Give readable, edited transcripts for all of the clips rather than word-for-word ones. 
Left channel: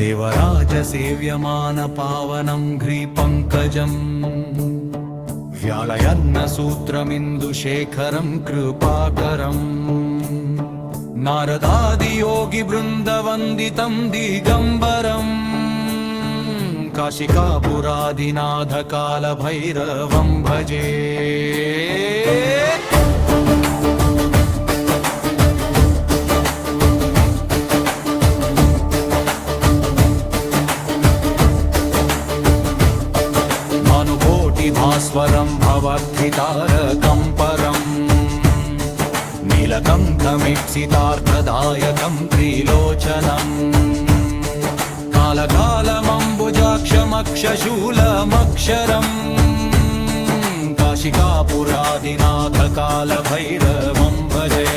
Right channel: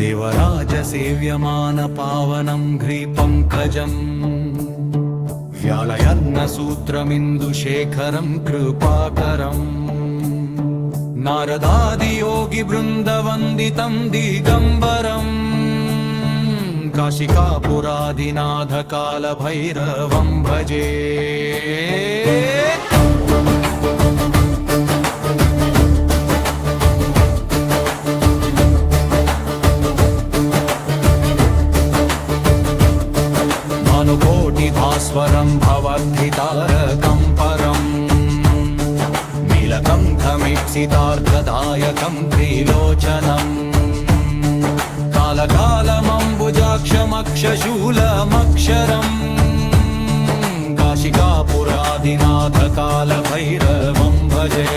देवराजसेव्यमानपावनं घ्रिपङ्कजम् व्यालयन्नसूत्रमिन्दुशेखरं कृपाकरम् नारदादियोगिवृन्दवन्दितं दिगम्बरम् काशिकापुराधिनाथकालभैरवं भजे। भानुकोटिभास्वरं भवद्धितारकं परम् नीलकण्ठमीप्सितार्थदायकं त्रिलोचनम् कालकालमम्बुजाक्षमक्षशूलमक्षरम् काशिकापुराधिनाथकालभैरवं भजे।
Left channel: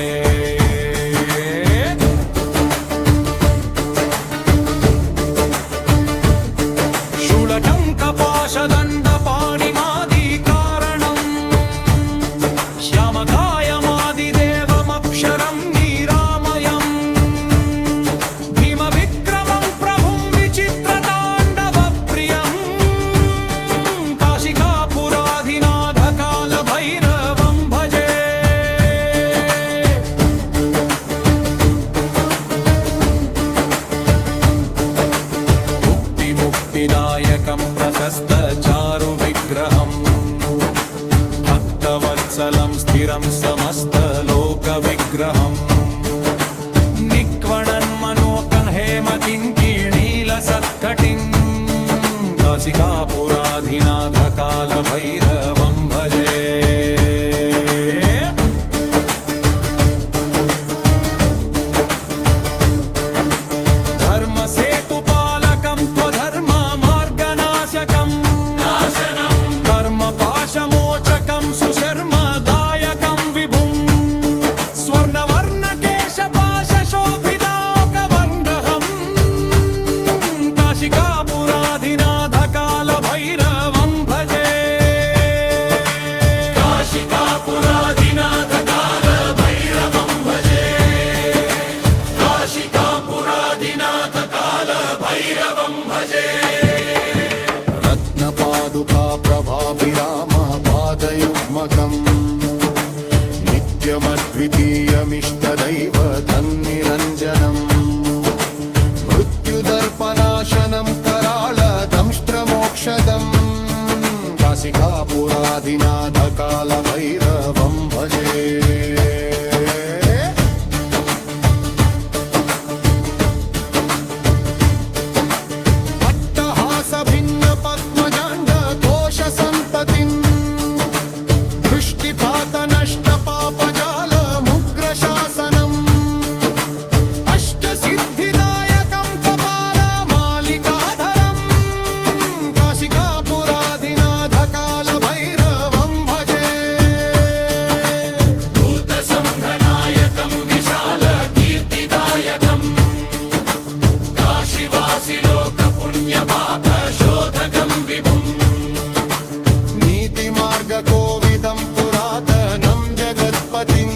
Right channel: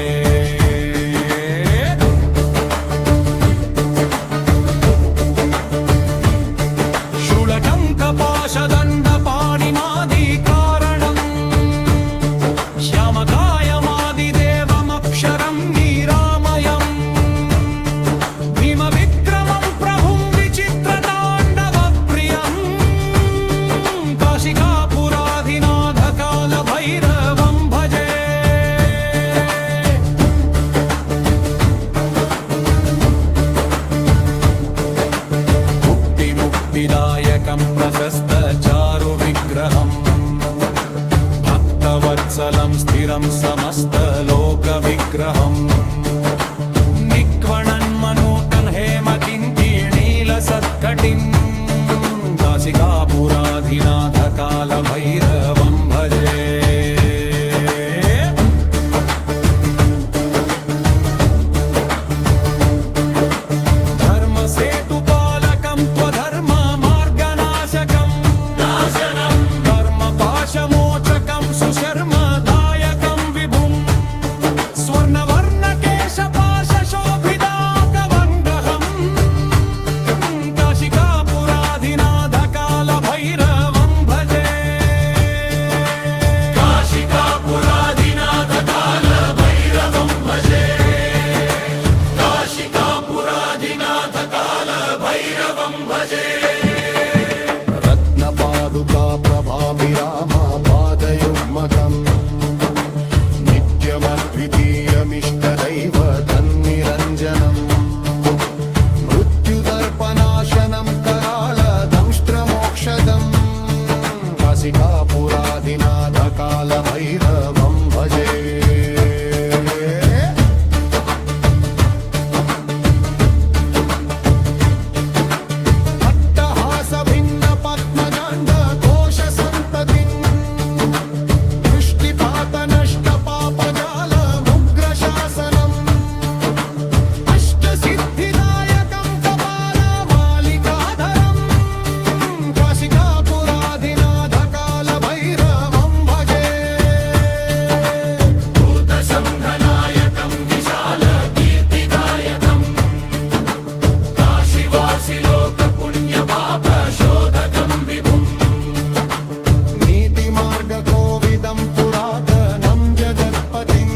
शूलटङ्कपाशदण्डपाणिमादिकारणम् श्यामकायमादिदेवमक्षरं निरामयम् भीमविक्रमं प्रभुं विचित्रताण्डवप्रियम् काशिकापुराधिनाथकालभैरवं भजे। मुक्तिदायकं प्रशस्तचारुविग्रहम् भक्तवत्सलं स्थिरं समस्तलोकविग्रहम् निक्वणन्मनोकं हेमकिङ्किणीलसत्कटिं काशिकापुराधिनाथकालभैरवं भजे। धर्मसेतुपालकं त्वधर्ममार्गनाशकम् कर्मपाशमोचकं सुशर्मदायकं विभुम् स्वर्णवर्णकेशपाशशोभिताकवङ्गहम् काशिकापुराधिनाथकालभैरवं भजे। काशिकापुराधिनाथकालभैरवं भजे। काशिकापुराधिनाथकालभैरवं भजे। रत्नपादुका प्रभाभिरामपादयुग्मकम् नित्यमद्वितीयमिष्टदैव तन्निरञ्जनम् मृत्युदर्पनाशनं कराळदंष्ट्रमोक्षदम् काशिकापुराधिनाथकालभैरवं भजे। दृष्टिपातनष्टपापजालमुग्रशासनम् अष्टसिद्धिदायकं कपालमालिकाधरम् काशिकापुराधिनाथकालभैरवं भजे। भूतसंघनायकं विशालकीर्तिदायकम् काशीवासिलोकपुण्यपापशोधकं विभुम् नीतिमार्गकोविदं पुरातनं जगत्पतिं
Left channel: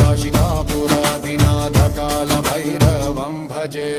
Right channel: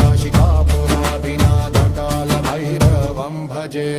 काशिकापुराधिनाथकालभैरवं भजे।